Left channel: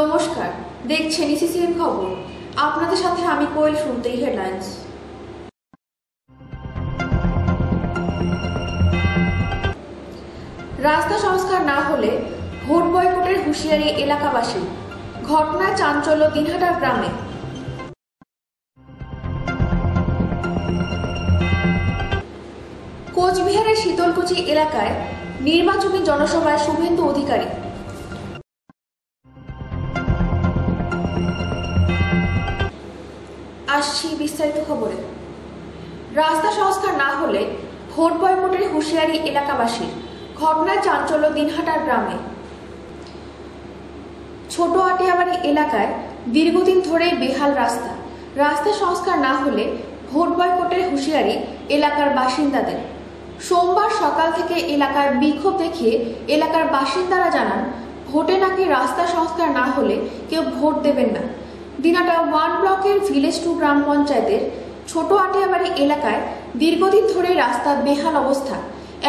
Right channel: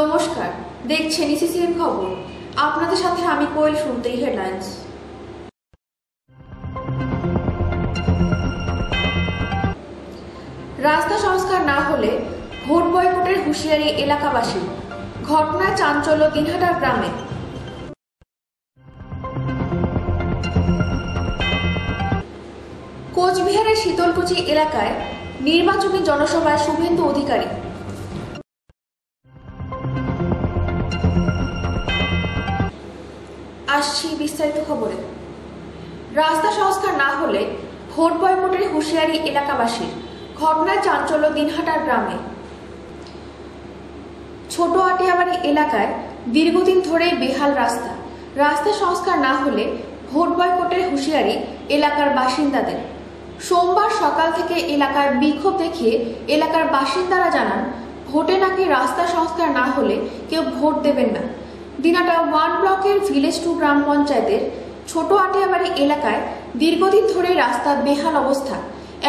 নমস্কার, দেখছেন ইসিসিএন খবর। আপনাদের সাথে আমি কোয়েল। শুনতেই হেডলাইন্স। রাস্তা সংস্কার না হলে ভোট বয়কটের হুঁশিয়ারি এলাকাবাসী। ঘটনায় চাঞ্চল্য দিনহাটার গ্রামে। কোচবিহারের শীতলকুচি এলাকায় নির্বাচনী জনসভায় শুভেন্দু অধিকারী। আসছি বিস্তারিত খবরে। রাস্তা সংস্কার না হলে ভোট বয়কটের হুঁশিয়ারি এলাকাবাসীর। ঘটনায় চাঞ্চল্য দিনহাটার গ্রামে। ছোট আটিয়াবাড়ি এলাকায় দীর্ঘদিন ধরে বেহাল রাস্তা। রাস্তা সংস্কার না হলে ভোট বয়কটের হুঁশিয়ারি এলাকার বাসিন্দাদের। সোমবার সকাল থেকে এলাকায় বিক্ষোভ দেখিয়ে এলাকার বাসিন্দারা জানান, ভোটে নাকি রাস্তা সংস্কার না হলে কেউ ভোট দেবেন না। দিনহাটা 1 ব্লকের ভিলেজ 2 গ্রাম পঞ্চায়েতের ছোট আটিয়াবাড়ি এলাকায় দীর্ঘদিন ধরে রাস্তার বেহাল অবস্থা,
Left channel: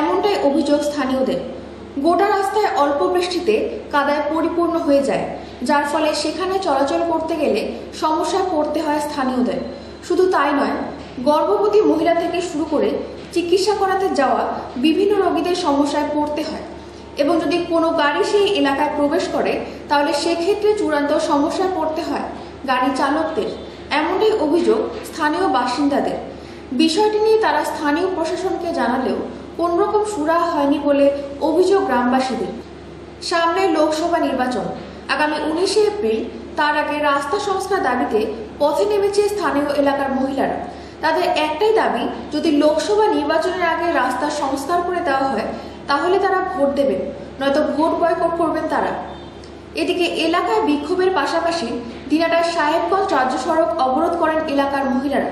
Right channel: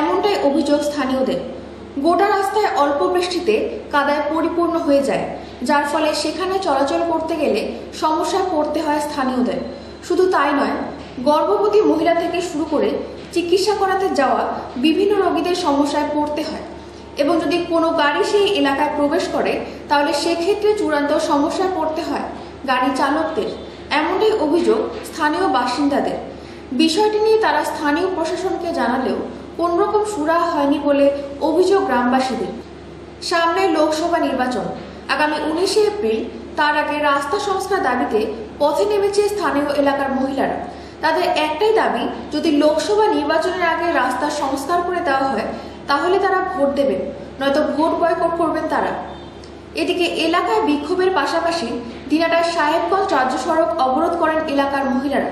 এমনটাই অভিযোগ স্থানীয়দের। গোটা রাস্তায় অল্প বৃষ্টিতে কাদায় পরিপূর্ণ হয়ে যায়, যার ফলে সেখানে চলাচল করতে গেলে সমস্যায় পড়তে হয় স্থানীয়দের। শুধু তাই নয়, গর্ভবতী মহিলা থেকে শুরু করে চিকিৎসা করাতে যাওয়া বিভিন্ন রোগীদের সমস্যায় পড়তে হয়, এবং যদি কোনো গাড়ি সেই এলাকায় প্রবেশ করে তাহলে সেক্ষেত্রে চূড়ান্ত সমস্যায় পড়তে হয় গাড়ি চালকদের, এমনটাই অভিযোগ স্থানীয় বাসিন্দাদের। বিষয়টি নিয়ে তারা স্থানীয় প্রশাসনকে জানালেও কোনোরকম সুরাহা হয়নি বলে অভিযোগ গ্রামবাসীদের। সামনে লোকসভা নির্বাচন আগামী 19শে এপ্রিল। তার আগে রাস্তা সংস্কার দাবিতে পথে নেমেছে স্থানীয় এলাকার মহিলারা। তাদের একটাই দাবি, যদি লোকসভা নির্বাচনের আগে রাস্তা সংস্কার করে দেওয়া হয় তাহলে তারা ভোট দেবেন, নয়তো ভোট বয়কট করবেন তারা। এদিকে এলাকায় বিক্ষোভের পাশাপাশি দিনহাটার সাহেবগঞ্জ রাজ্য সড়ক অবরোধ করেন এলাকার মহিলারা।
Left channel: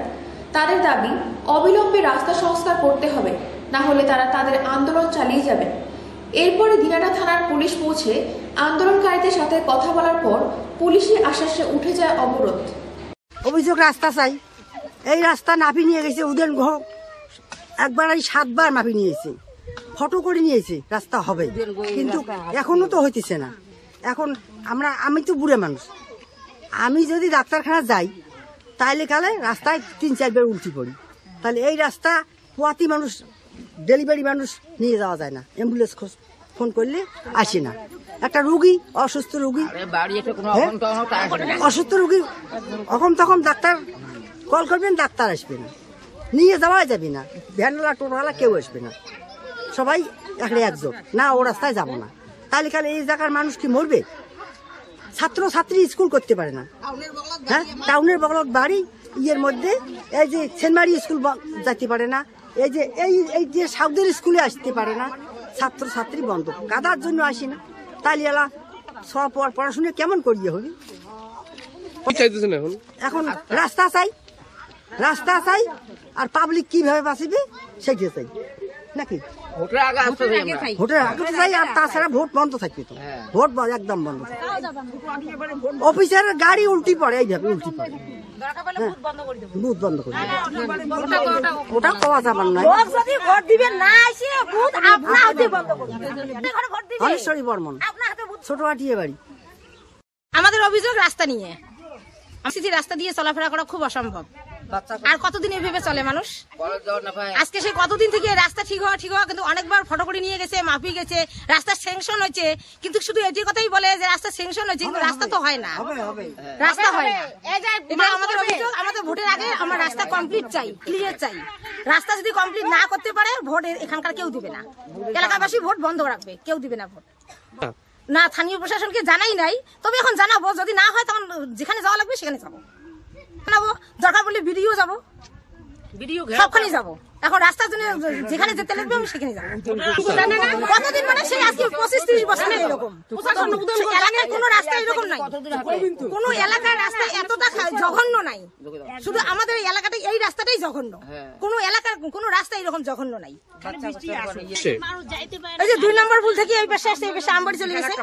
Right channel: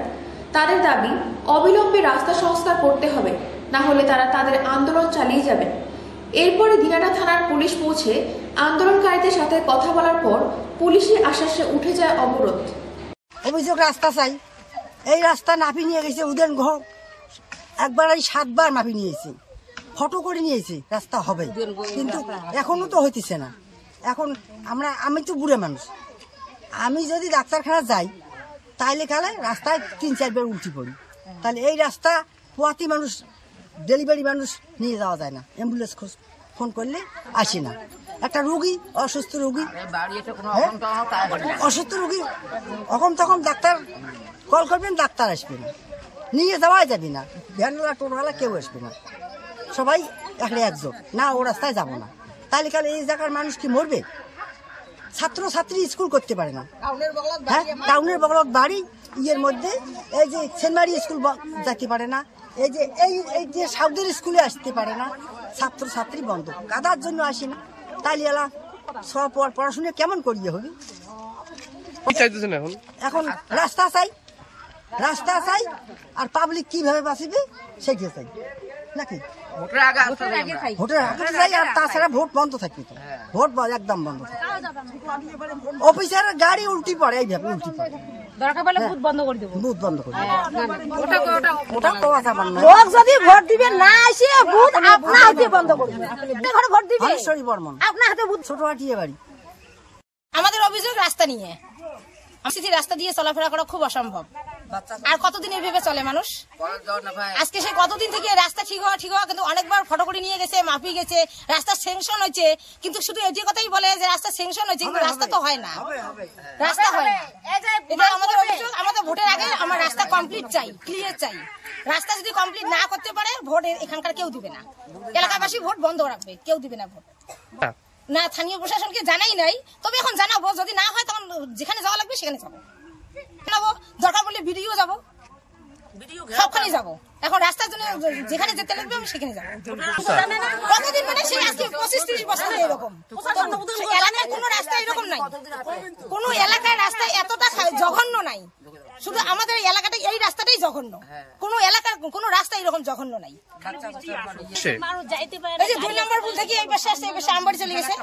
তাদের দাবি, অবিলম্বে রাস্তা সংস্কার করতে হবে, না হলে তারা তাদের আন্দোলন চালিয়ে যাবেন। এরপরে দিনহাটা থানার পুলিশ পৌঁছে আন্দোলনকারীদের সাথে কথা বলার পর পুলিশের আশ্বাসে উঠে যায় অবরোধ। অভিযোগ রাস্তা চাই। এই রাস্তা মাপি নিয়ে গেছে উদেন ঘ একবার 7 বার মাপি নিয়েছে, ফটো করে নিয়েছে রাস্তা হবে, কিন্তু এখনো তো হইতেছে না। এখন আমি তো বুড়ে মানুষ, আমি যদি ডাক্তারখানা যাই তাইলে কালে রাস্তায় 3-4 বার উল্টি পড়ি। তাহলে এই রাস্তা পোয়াতি মানুষ, ডেলিভারি মানুষ নিয়ে যাওয়া যায় না, অ্যাম্বুলেন্স ফোন করলে আসে না। একটা রুগী, অসুস্থ রুগী, অখন তখন ডাক্তার কল করবেন, ডাক্তার আসবে না, নিয়ে যাওয়া যাবে না, ভ্যানওয়ালা টোটোওয়ালা কেউ আসবে না, সবাই একটা একজোট না, ও রাস্তায় যাব না। তাহলে কালে এই জায়গার মানুষ কি মরবে? ছাত্র ছাত্রী স্কুল করতে পারে না। হ্যাঁ, টাউনের বগলত বাড়ি, ইয়ের মধ্যে এই যে সেনমারি স্কুল যেতে পারে না, এই যে সাউদের স্কুলে আসতে পারে না, ছাত্র ছাত্রী বন্ধ, কাদার জন্য আসি না। তাইলে এলা সব পড়াশোনা কেমন করিয়ে হবে? এখন রাস্তা চাই, আর পাবলিক কিভাবে বাঁচিবে সেটা চাই নাকি? ভোটের আগে তো চাই, আর তাছাড়া ভোট বন্ধ থাকবে তো, ভোট একদম বন্ধ থাকবে। অফিসারের গাড়ি উল্টি পড়ে, এইভাবে উল্টি পড়ে, বুথ বন্ধ করে ওটা কওয়া যাবার নয়। হলেশ্বরী বর্মন, ছোট আটিয়া বাড়ি। আমাদের অভিযোগ রাস্তা নিয়ে, রাস্তা দিয়ে চলাফেরা করা খুব অসম্ভব। আর কতদিন এভাবে চলে মানুষ? আজকে সে কতদিন থেকে রাস্তা ঠিক হওয়া, কিন্তু অনেকবার ফটো করে নিয়ে গেছে, মাপি গেছে, রাস্তা স্যাংশন হয়েছে, কিন্তু শুধু এটি কথাই বলে যে রাস্তা স্যাংশন হয়েছে, কিন্তু রাস্তা তো হয় না, রাস্তা হয় না। এটাই আমাদের অভিযোগ। আমাদের ভোটের আগে আমার রাস্তা কমপ্লিট চাই, ক্লিয়ার চাই। রাস্তা যদি কমপ্লিট না করতে পারে ভোট এখানকার কেউ দিবে না, এলাকাবাসী ভোট বন্ধ রাখবে, কেউ দিবে না ভোট। না, স্থানীয় প্রশাসনকে জানাই নাই, তবে এখন জানাবো। যদি না হয় তখন যেখানে যাওয়া লাগবে সেখানে যাবো, জানাবো। দরকার পড়লে ভিডিও যাবো, সবখানে যাবো। এখন রাস্তার জন্য যেখানে যেতে লাগবে আমি সেখানে যাবো। কতদিন মানে সেই আজকে 25-30 বছর এরকম এলাকায় কোনো রাস্তা এরকম নাই, কোনো এলাকার রাস্তা এতটা জঘন্য নাই। শুধু আমাদের এলাকাটা, এই রাস্তাটাই জঘন্য, কোনো এলাকার কোনো রাস্তা এরকম জঘন্য নাই। এই যে 2 নম্বর ভুল থেকে এই পাশে আসছে, এই পাশে আমবাড়ি চলে গেছে।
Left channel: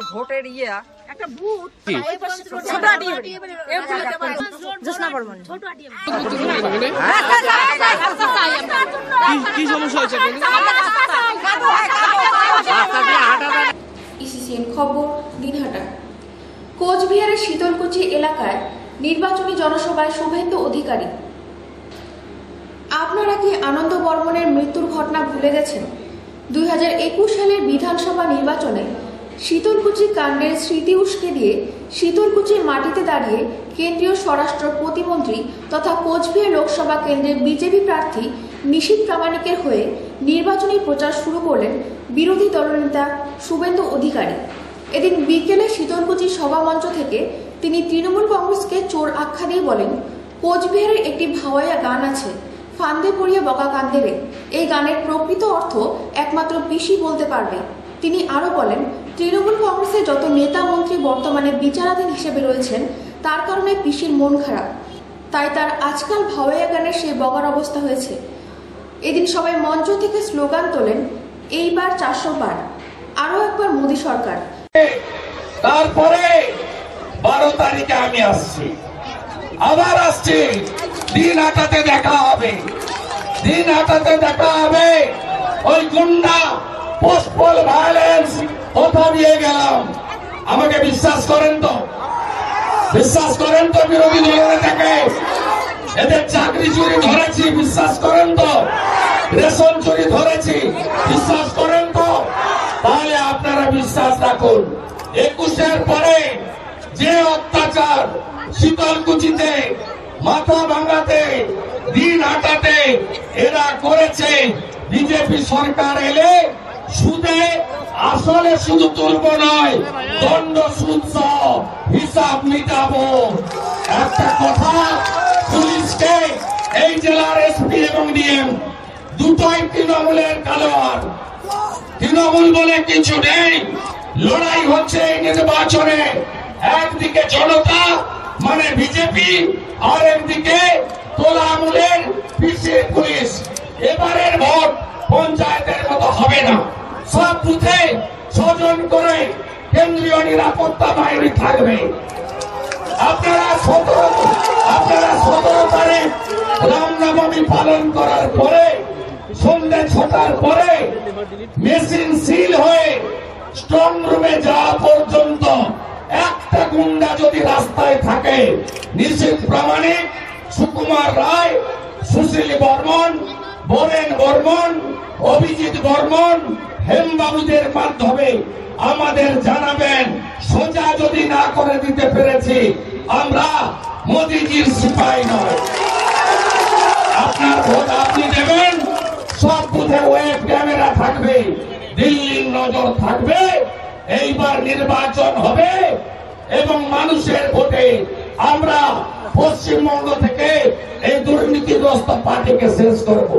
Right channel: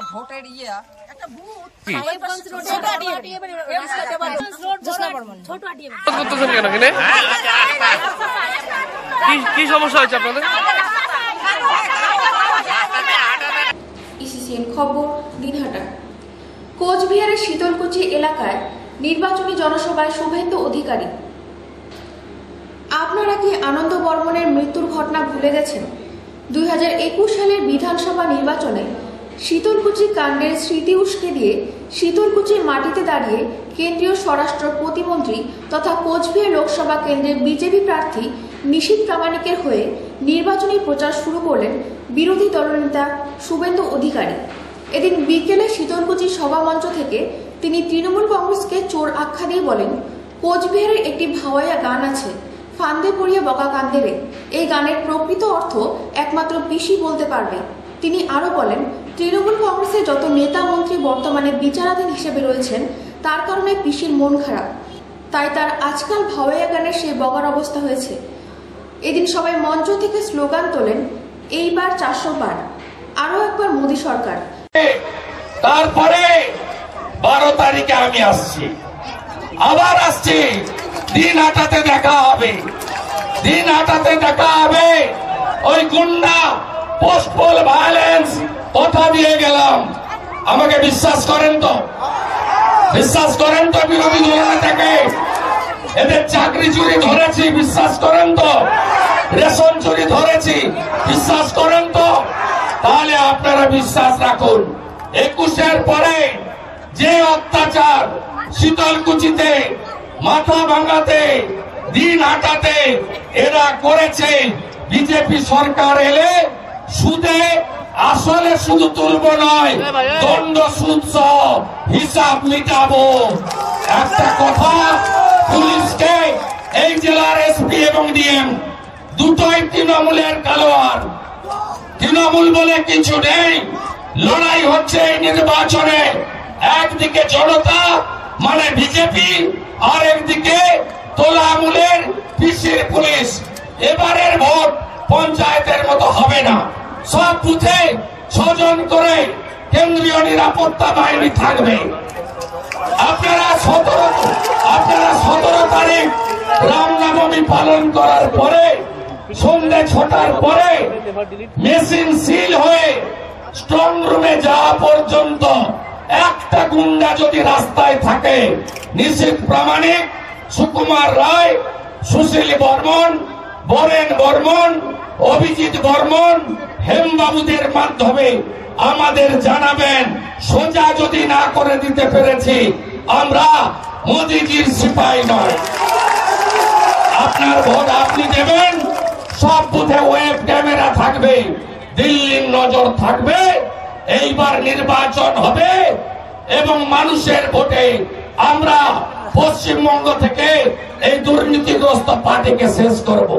কি সমস্যা হয়েছে আপনাদের? ইসিসিএন খবর, দিনহাটা। কোচবিহারের শীতলকুচি এলাকায় নির্বাচনী জনসভায় শুভেন্দু অধিকারী। আপনারা কি আনন্দ বর্মনের মৃত্যুর ঘটনা ভুলে গেছেন? 2021 সালের বিধানসভা নির্বাচনে শীতলকুচি কাণ্ডের স্মৃতি উস্কে দিয়ে শীতলকুচির মাটিতে দাঁড়িয়ে কেন্দ্রীয় স্বরাষ্ট্র প্রতিমন্ত্রী তথা কোচবিহার লোকসভা কেন্দ্রের বিজেপি প্রার্থী নিশীথ প্রামাণিকের হয়ে নির্বাচনী প্রচার শুরু করলেন বিরোধী দলনেতা শুভেন্দু অধিকারী। এদিন বিকেলে শীতলকুচি সভামঞ্চ থেকে তিনি তৃণমূল কংগ্রেসকে চোর আখ্যা দিয়ে বলেন, কোচবিহারের একটি ভাওয়াইয়া গান আছে, ফান্দে পড়িয়া বকা কান্দে রে। এই গানের প্রকৃত অর্থ একমাত্র পিসি বলতে পারবে। তিনি আরো বলেন, তৃণমূল কংগ্রেসের যত নেতা মন্ত্রী বর্তমানে বিচারাধীন হিসেবে রয়েছেন তার কারণে পিসির মন খারাপ, তাই তার আজকাল ভাওয়াইয়া গানের সেই বগার অবস্থা হয়েছে। এদিন সবাই মঞ্চ থেকে স্লোগান তোলেন, এইবার 400 বার, আরো একবার মোদী সরকার। তারপরে 12 তারিখে আমি আসছি, আবার আসছি, দিন হাটাতে দেখা হবে, দিন হাটাতে দেখা হবে। ওই গুন্ডা পোস্টপল ভায়োলেন্স কথা দিয়ে গেলাম, আমাকে বিশ্বাস করেন তো? বিশ্বাস করেন তো? বিরোধী দলের থেকে এদের চাকরি চুরি ধরেছি, বিশ্বাস করেন তো? রেশন চুরি ধরেছি, বিশ্বাস করেন তো? তাহলে আপনারা বিশ্বাস রাখুন। 21-এর পরে যে অত্যাচার শীতলকুচিতে, মাথা ভাঙাতে, দিন হাটাতে এরা করেছে, বিজেপি সরকার এলে সুদে আসলে শুধু তুলব নয়, দণ্ড সুদ সহ হিসাব মিটাবো। একটা কথা, পুলিশকে এই জেলার এসপি এবং ডিএম দুটোই তৃণমূলের কালোয়ার। তৃণমূল বলে কিছু নেই, লড়াই হচ্ছে নির্বাচনে। একদিকে জনতা মানে বিজেপি, আর একদিকে তোলামূলের পিসির পুলিশ। এবারের ভোট পঞ্চায়েতের মতো হবে না, সব বুথে 6 জন করে কেন্দ্রীয় নিরাপত্তা বাহিনী থাকবে। আপনারা 17 তারিখ রামনবমী পালন করার পরে সন্ধ্যে 6টার পরে মেশিন সিল হয়ে স্ট্রং রুমে যাওয়া পর্যন্ত একটা গুন্ডা যদি রাস্তায় থাকে, নিশীথ প্রামাণিক, সুকুমার রায়, সুশীল বর্মন, বরেন বর্মন, অভিজিৎ বর্মন, হেমবাবুদের মাধ্যমে আমাদের জানাবেন। সোজা যদি না করে দিতে পেরেছি, আমরা মোদিজির সিপাহী নয়। আপনার ভোট আপনি দেবেন, সব বুথে ওয়েব ক্যামেরা থাকবে, দিল্লির নজর থাকবে। এইবার নির্বাচন হবে এবং মানুষের ভোটে আমরা পশ্চিমবঙ্গ থেকে এই দুর্নীতিগ্রস্ত পার্টিকে শেষ করব।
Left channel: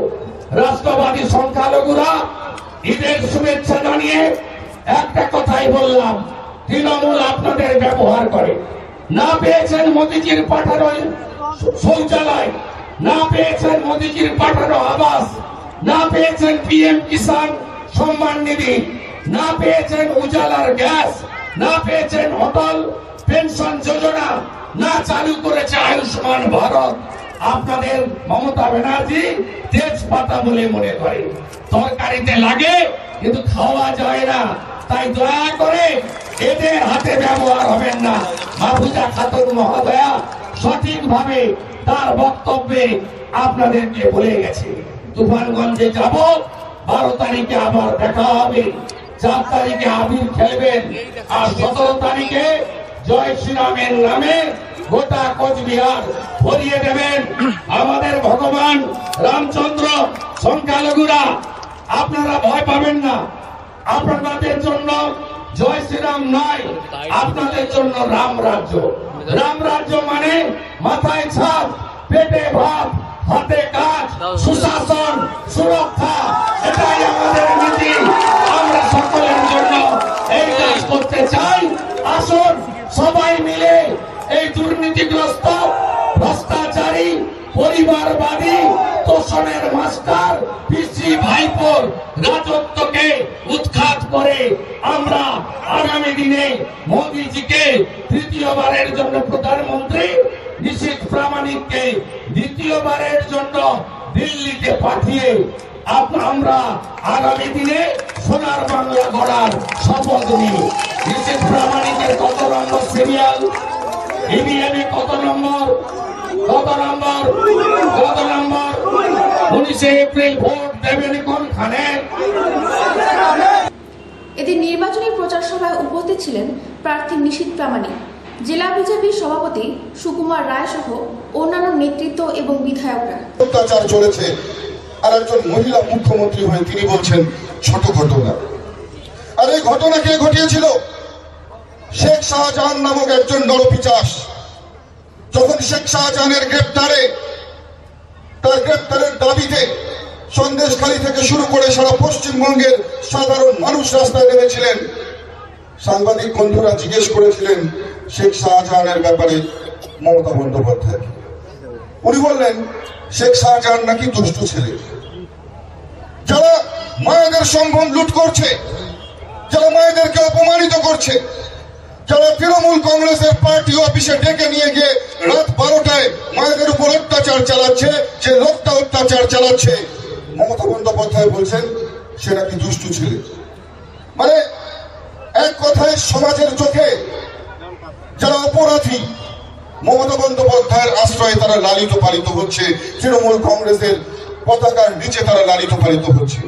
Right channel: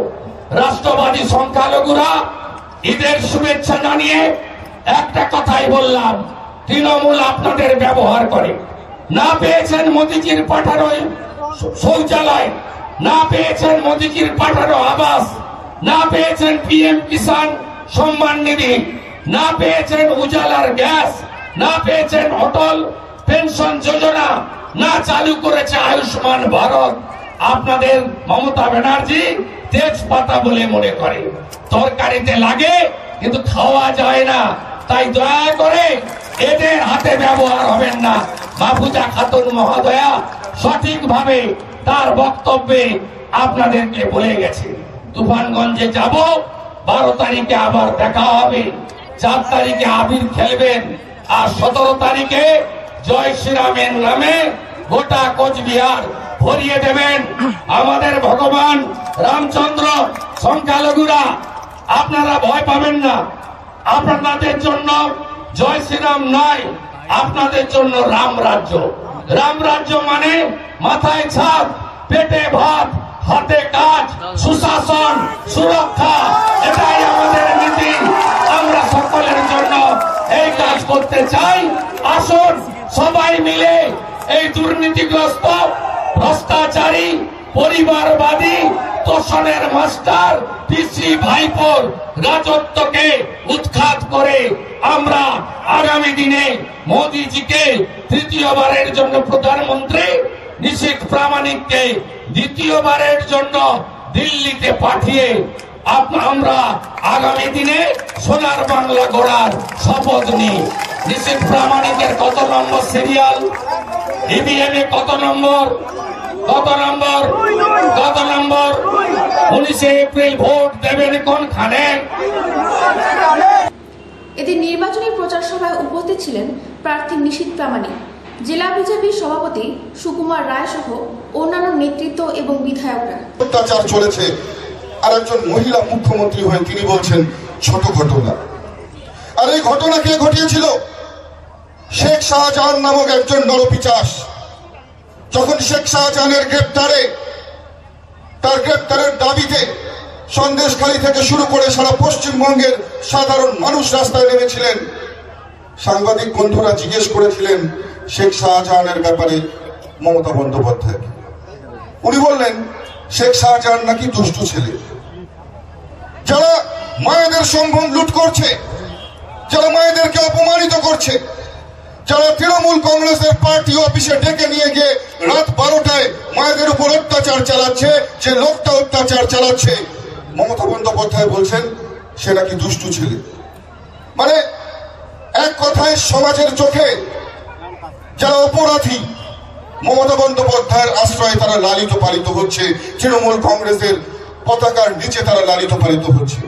রাষ্ট্রবাদী সংখ্যালঘুরা ঈদের শুভেচ্ছা জানিয়ে একটা কথাই বললাম, তৃণমূল আপনাদের ব্যবহার করে। না পেয়েছেন মোদিজির পাঠানো শৌচালয়, না পেয়েছেন মোদিজির পাঠানো আবাস, না পেয়েছেন পিএম কিষাণ সম্মান নিধি, না পেয়েছেন উজালার গ্যাস, না পেয়েছেন অটল পেনশন যোজনা, না চালু করেছে আয়ুষ্মান ভারত। আপনাদের মমতা ব্যানার্জি তেজপাতা বলে মনে করে, তরকারিতে লাগে কিন্তু খাওয়া যায় না। তাই দয়া করে এদের হাতে ব্যবহার হবেন না। মাহফুজা খাতুন মহোদয়া সঠিকভাবে তার বক্তব্যে আপনাদেরকে বলে গেছে। তুফানগঞ্জে যাব, 12 তারিখে আবার দেখা হবে, 4 তারিখে আবির খেলবেন, আর 17 তারিখে জয় শ্রীরামের নামে গোটা কোচবিহার ভরিয়ে দেবেন। আমাদের ভগবান রামচন্দ্র। সংখ্যালঘুরা আপনারা ভয় পাবেন না, আপনাদের জন্য জয় শ্রীরাম নয়, আপনাদের জন্য রাম রাজ্য। রাম রাজ্য মানে মাথায় ছাদ, পেটে ভাত, হাতে কাজ, সুশাসন, সুরক্ষা। এটাই আমাদের নীতি। আমরা সকলের জন্য এই কাজ করতে চাই। আসুন সবাই মিলে এই দুর্নীতিগ্রস্ত, ভ্রষ্টাচারী, পরিবারবাদী, তোষণের মাস্টার পিসি ভাইপোর রাজত্বকে উৎখাত করে আমরা আগামী দিনে মোদিজিকে তৃতীয়বারের জন্য প্রধানমন্ত্রী, নিশীথ প্রামাণিককে দ্বিতীয়বারের জন্য দিল্লিতে পাঠিয়ে আমরা আগামী দিনে সোনার বাংলা গড়ার শপথ নিই। নিশীথ প্রামাণিকের কত নম্বর সিরিয়াল, ইভিএম এ কত নম্বর, 19 এপ্রিল ভোট দেবেন কোনখানে। এদিন নির্বাচনী প্রচার সভায় উপস্থিত ছিলেন প্রার্থী নিশীথ প্রামাণিক, জেলা বিজেপির সভাপতি সুকুমার রায় সহ অন্যান্য নেতৃত্ব এবং বিধায়করা। অত্যাচার চলেছে, আর একজন মহিলা মুখ্যমন্ত্রী হয়ে তিনি বলছেন ছোট ঘটনা। আর এই ঘটনা কে ঘটিয়েছিল? শেখ শাহজাহান নামক একজন নরপিশাচ। যখন শেখ শাহজাহানের তার গ্রেপ্তারের দাবিতে সন্দেশখালী থেকে শুরু করে সারা পশ্চিমবঙ্গের সাধারণ মানুষ রাস্তায় নেমেছিলেন, সাংবাদিক বন্ধুরা জিজ্ঞেস করেছিলেন শেখ শাহজাহানের ব্যাপারে মমতা বন্দ্যোপাধ্যায়। উনি বললেন শেখ শাহজাহান নাকি দুষ্টু ছেলে, যারা মায়েদের সম্ভ্রম লুট করছে, যারা মায়েদেরকে অপমানিত করছে, যারা তৃণমূল কংগ্রেসের পার্টি অফিসে ডেকে নিয়ে গিয়ে রাত 12টায় মায়েদের উপর অত্যাচার চালাচ্ছে, যে লোকটা অত্যাচার চালাচ্ছে মমতা বন্দ্যোপাধ্যায় বলছেন সে নাকি দুষ্টু ছেলে। মানে এক কথায় সমাজের চোখে যারা অপরাধী মমতা বন্দ্যোপাধ্যায়ের আশ্রয়ে তারা লালিত পালিত হচ্ছে, তৃণমূল কংগ্রেসের পতাকার নিচে তারা লালিত পালিত হচ্ছে।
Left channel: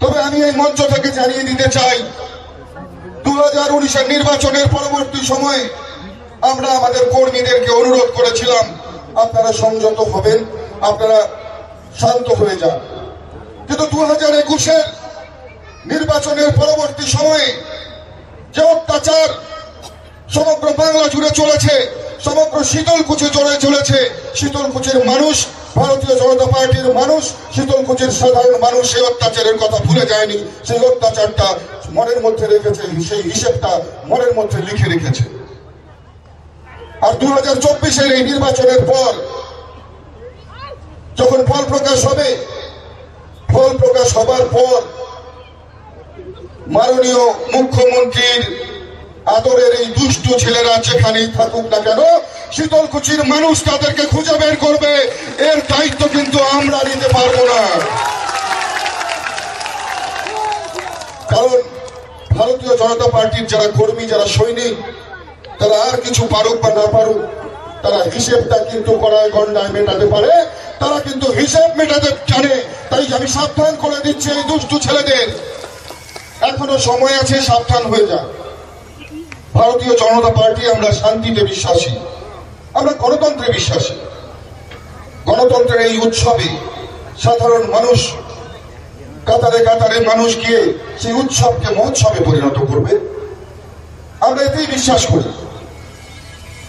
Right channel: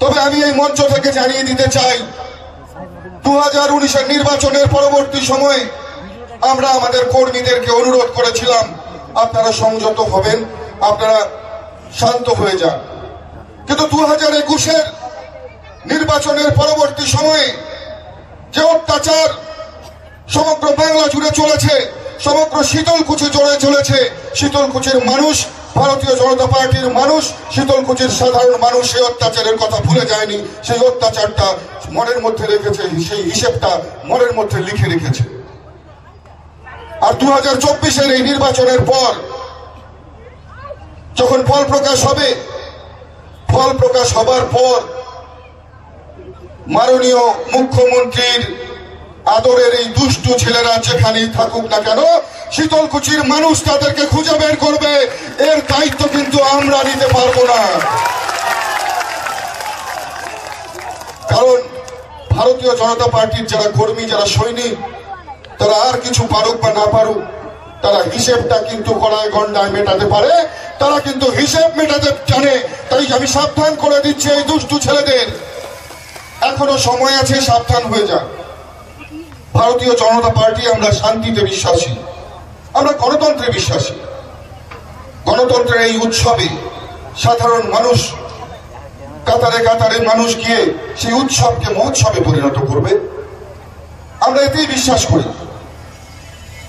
তবে আমি এই মঞ্চ থেকে জানিয়ে দিতে চাই, 2019-এর নির্বাচনের পরবর্তী সময়ে আমরা আমাদের কর্মীদেরকে অনুরোধ করেছিলাম আপনারা সংযত হবেন, আপনারা শান্ত হয়ে যান। কিন্তু 2021-এর নির্বাচনের পরবর্তী সময়ে যে অত্যাচার সমগ্র বাংলা জুড়ে চলেছে, সমগ্র শীতলকুচি জুড়ে চলেছে, শীতলকুচির মানুষ, ভারতীয় জনতা পার্টির মানুষ, শীতলকুচির সাধারণ মানুষ সেই অত্যাচারের কথা ভুলে যায়নি। সেই অত্যাচারটা মনের মধ্যে রেখেছে, সেই হিসেবটা মনের মধ্যে লিখে রেখেছে। আর 2024-এর এই নির্বাচনের পর যখন ফল প্রকাশ হবে, ফল প্রকাশ হবার পর মাননীয় মুখ্যমন্ত্রীর আদরের এই দুষ্টু ছেলেরা যেখানেই থাকুক না কেন, শীতলকুচির মানুষ তাদেরকে খুঁজে বের করবে। এর দায়িত্ব কিন্তু আমরা নিতে পারবো না, কারণ ভারতীয় জনতা পার্টির যারা কর্মী, যারা সৈনিক, তারা আর কিছু পারুক বা না পারুক, তারা হিসেবটা কিন্তু গড়ায় গন্ডায় মেটাতে পারে, তারা কিন্তু হিসেব মেটাতে জানে। তাই আমি সাবধান করে দিচ্ছি এই দুষ্টু ছেলেদের, এখনো সময় আছে, সাবধান হয়ে যান। ভারতীয় জনতা পার্টি আমরা শান্তিতে বিশ্বাসী, আমরা গণতন্ত্রে বিশ্বাসী। গণতন্ত্রের এই উৎসবে সাধারণ মানুষ কাতারে কাতারে মানুষ গিয়ে সেই উৎসবকে মহোৎসবে পরিণত করবে, আমরা এতেই বিশ্বাস করি।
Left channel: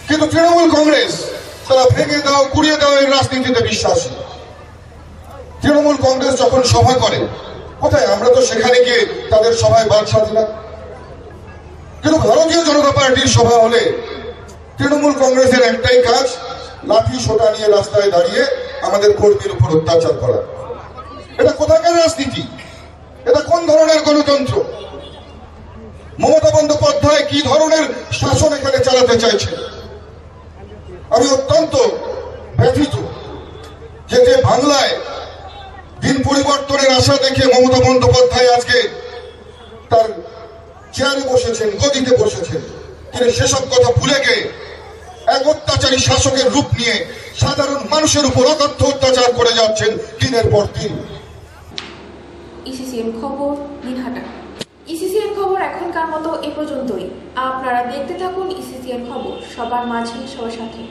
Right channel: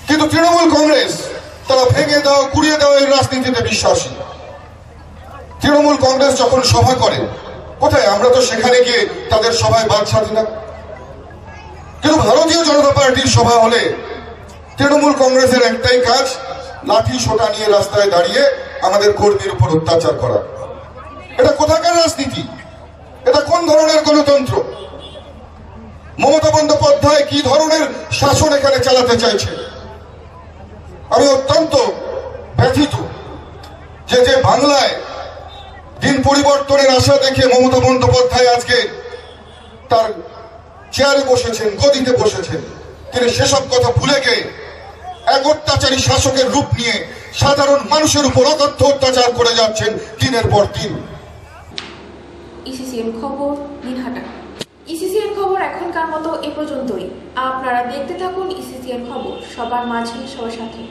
কিন্তু তৃণমূল কংগ্রেস তারা ভেঙে দাও, কুড়িয়ে দাও এই রাজনীতিতে বিশ্বাসী। তৃণমূল কংগ্রেস যখন সভা করে, কোথায় আমরা তো সেখানে গিয়ে তাদের সভায় বাদ সাধি না। কিন্তু ভারতীয় জনতা পার্টির সভা হলে তৃণমূল কংগ্রেসের একটাই কাজ, লাঠি সোটা নিয়ে রাস্তায় দাঁড়িয়ে আমাদের কর্মীর উপর অত্যাচার করা। এটা কোথাকার রাজনীতি? এটা কোন ধরনের গণতন্ত্র? মমতা বন্দ্যোপাধ্যায় কি ধরনের শাসন এখানে চালাতে চাইছে? আমি অত্যন্ত ব্যথিত যে বাংলায় দিন পরিবর্তনের আশা দেখে মমতা বন্দ্যোপাধ্যায় আজকে তার চেয়ারে বসেছেন, গদিতে বসেছেন, তিনি সেসব কথা ভুলে গিয়ে এক অত্যাচারী শাসকের রূপ নিয়ে সাধারণ মানুষের উপর অকথ্য অত্যাচার করে যাচ্ছেন দিনের পর দিন। ইসিসিএন খবর, দিনহাটা। ইসিসিএন খবর এখনকার মতো এ পর্যন্তই। আপনারা দেখতে থাকুন ইসিসিএন খবর, সবার মাঝে সবার সাথে।